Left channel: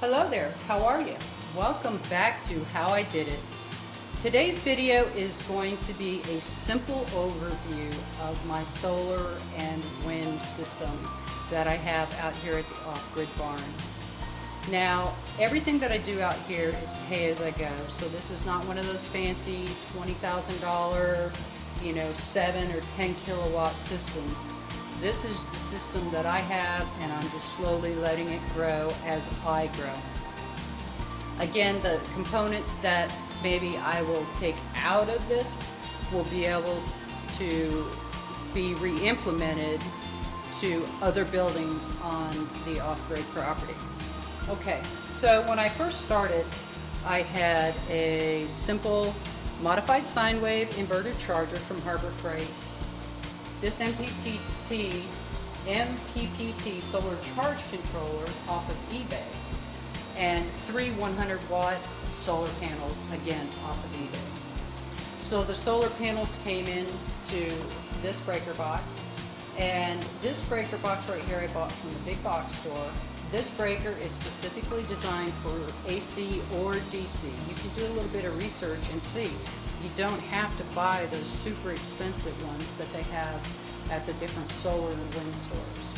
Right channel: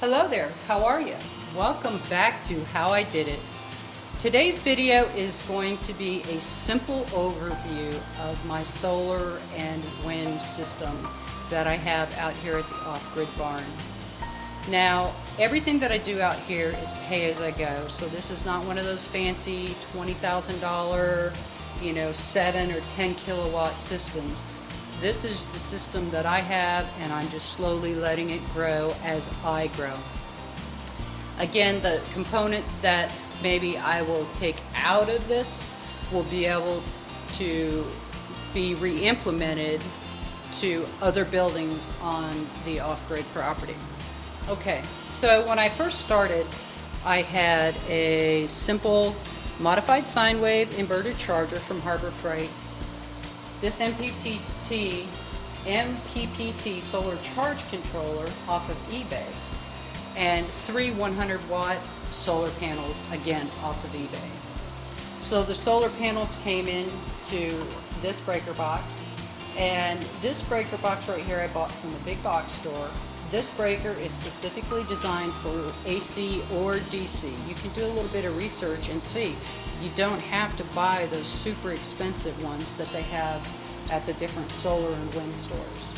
Hello there, how are you? Welcome back to How I Did It. Today's video is going to be a simple overview of my solar and wind system that I have out here at the Off-Grid Barn. Now, everything that I do out here is pay as I go, so this is not one of those fancy $20,000, 7 or 10 kilowatt systems. This is the system that I have, and I'm just slowly letting it grow as I grow. Again, the components that maybe I will take out of this will be able to be re-implemented to other buildings on the off-grid property. Okay, so when I first started, I had a simple modified sine wave inverter charger from Harbor Freight. This MPPT solar charge controller off of eBay, and 3 100-watt solar panels, again off of eBay. So the solar panels came into this breaker box, and this breaker box right here I bought from the big box store. This breaker is specifically designed for AC or DC. You can do a little bit of research and see. You don't have to buy those super expensive ones that they have at the different solar and wind stores.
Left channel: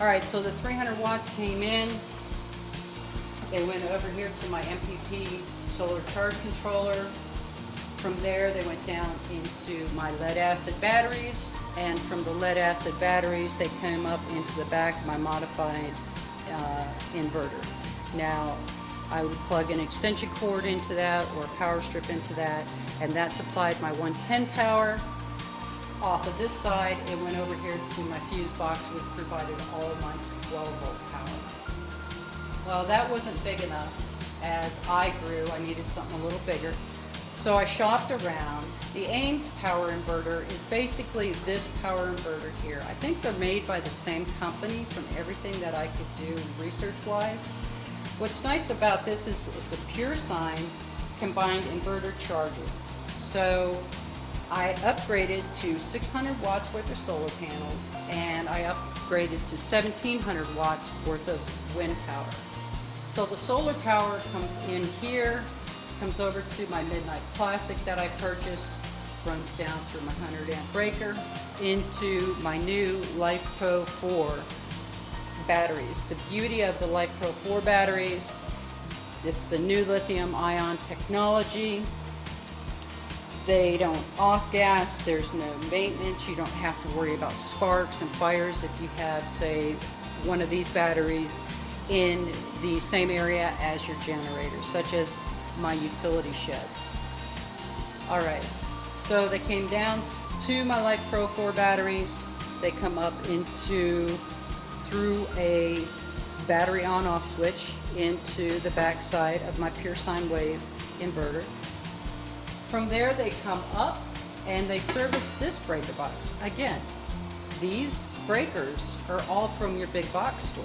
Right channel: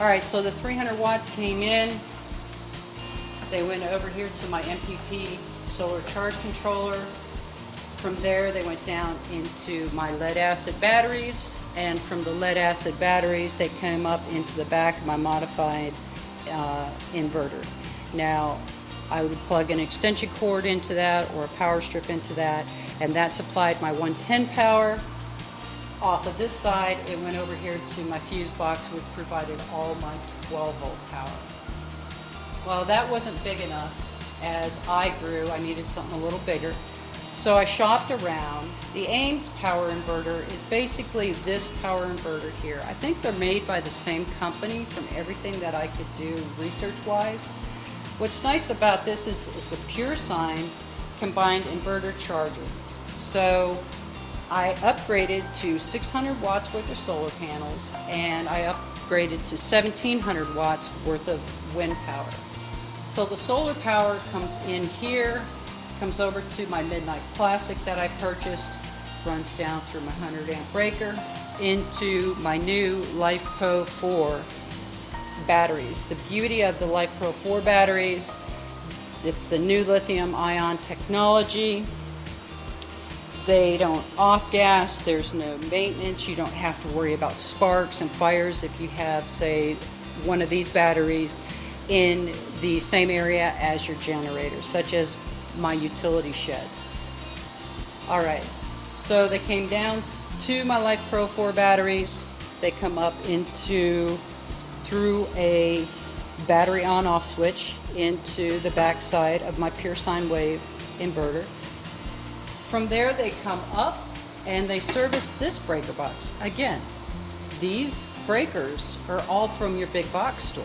Alright, so the 300 watts came in. They went over here to my MPP solar charge controller. From there they went down into my lead acid batteries, and from the lead acid batteries they came up into the back of my modified inverter. Now I would plug an extension cord into that or a power strip into that, and that supplied my 110 power. Off of this side, it went over here to my fuse box, which provided all my 12 volt power. Well, that wasn't big enough. As I grew, I needed something a little bigger. So I shopped around. The Ames power inverter is basically this power inverter here. I think they're made by the same company from everything that I could do research-wise. What's nice about this is it's a pure sine combined inverter charger. So I upgraded to 600 watts worth of solar panels, and I upgraded to 1700 watts worth of wind power. So the solar power comes in here, comes over to my Midnight Classic that I purchased, runs down through my 100 amp breaker into my new LifePro 4 batteries. The beauty of the LifePro 4 batteries, it's the new lithium ion technology. They don't off-gas, there's no maintenance, you don't have to worry about sparks and fires if you have, say, one of these batteries in the same area as your generator, such as my utility shed. Alright, so they came down to my LifePro 4 batteries. They come up through a battery on-off switch into the back side of my pure sine wave inverter. From there they come up and they service this breaker box. Again, these breakers are all from your big box store.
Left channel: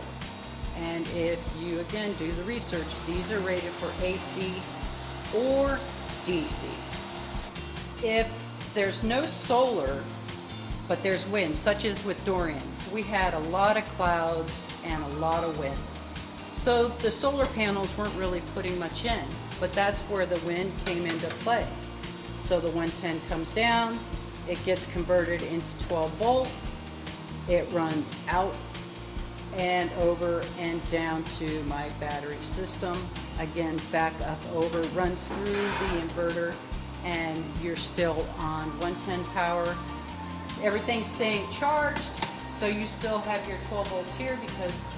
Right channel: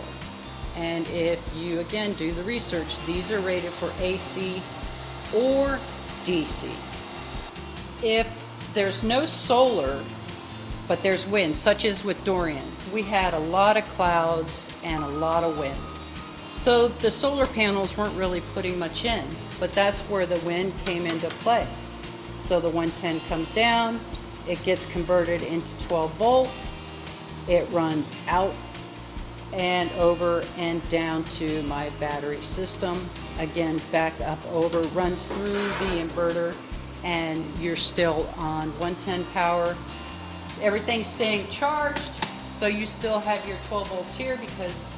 And if you, again, do the research, these are rated for AC or DC. If there's no solar, but there's wind, such as with Dorian, we had a lot of clouds and a lot of wind. So the solar panels weren't really putting much in, but that's where the wind came into play. So the 110 comes down, it gets converted into 12 volt, it runs out and over and down to my battery system. Again, back up over, runs through the inverter, and you're still on 110 power. Everything's staying charged, so you still have your 12 volts here because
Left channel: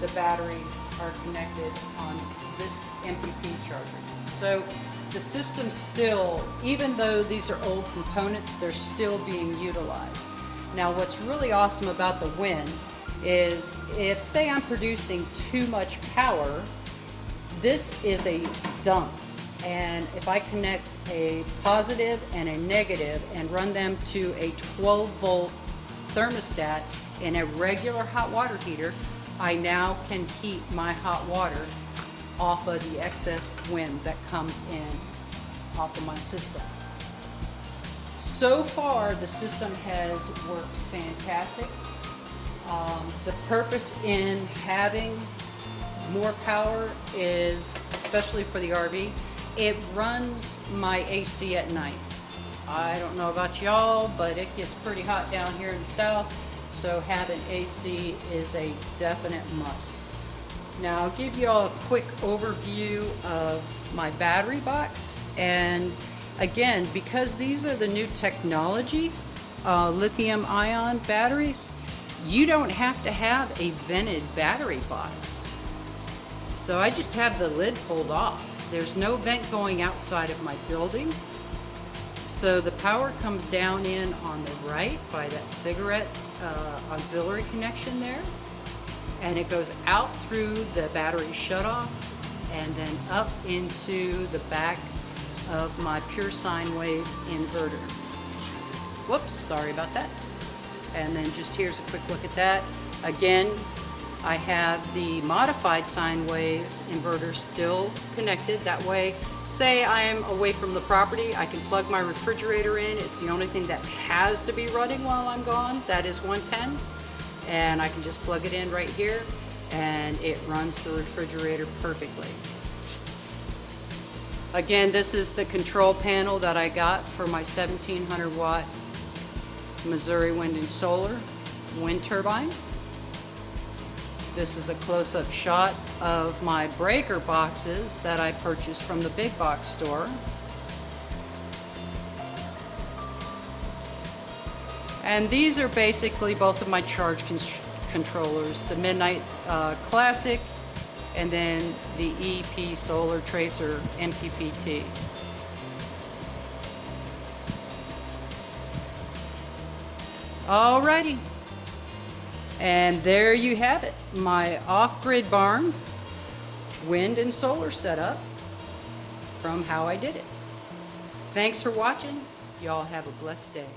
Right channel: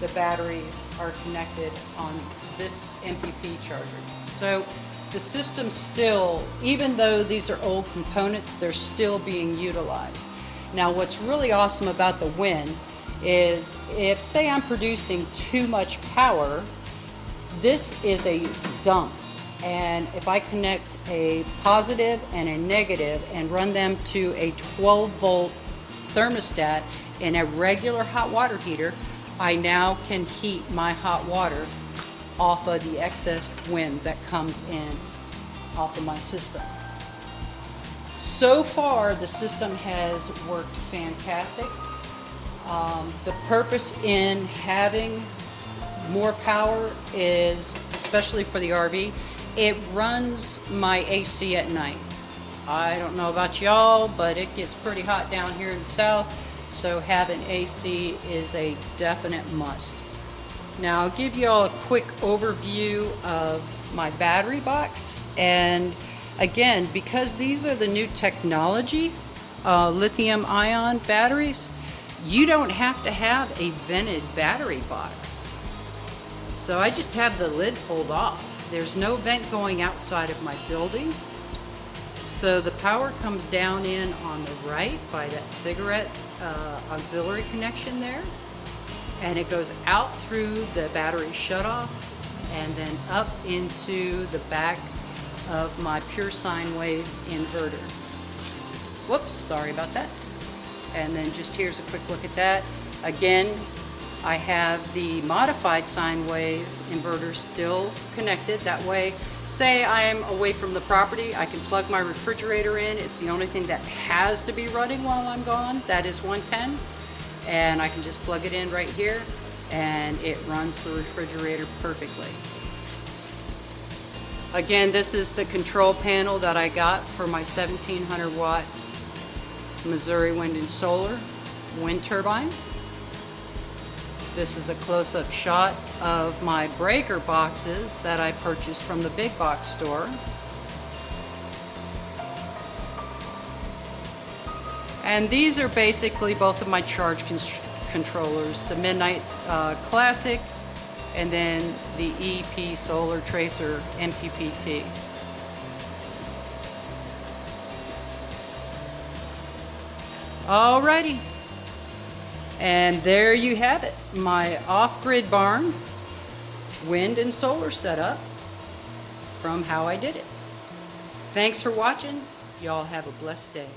the batteries are connected on this MPP charger. So the system still, even though these are old components, they're still being utilized. Now what's really awesome about the wind is if, say, I'm producing too much power, this is a dump. And if I connect a positive and a negative and run them to a 12 volt thermostat in a regular hot water heater, I now can heat my hot water off of the excess wind that comes in off of my system. So far, the system has worked fantastic. The purpose in having more power is, especially for the RV, it runs my AC at night. I don't know about y'all, but it gets pretty hot down here in the south, so having AC is a definite must. Now I'll give you all a quick overview of my battery box, and again, because these are the new technology, lithium ion batteries, you don't have to have a vented battery box. So I just have the lid pulled off. There's no vent going outside of my building. So the power comes down in on the right by that cigarette auxiliary connection there. And it goes out through the battery shutoff and then up into the back of my pure sine wave inverter. Whoops, sorry about that. And then just here's a quick look at that. Again, I have the modified sine wave inverter still connected. That way, say I am away from the property, I can plug my refrigerator in. It's the only thing that has to be running while I'm gone. That is 110. And I can just plug it in right here and it runs the refrigerator perfectly. Again, this is the control panel that I got for my 1700 watt Missouri Wind and Solar wind turbine. This is a close-up shot of my breaker boxes that I purchased from the big box store. And these are basically both of my charge controllers, the Midnight Classic and then the EP Solar Tracer MPPT. Alrighty. And there you have it, my off-grid barn wind and solar setup from How I Did It. Thanks for watching. Y'all have a blessed day.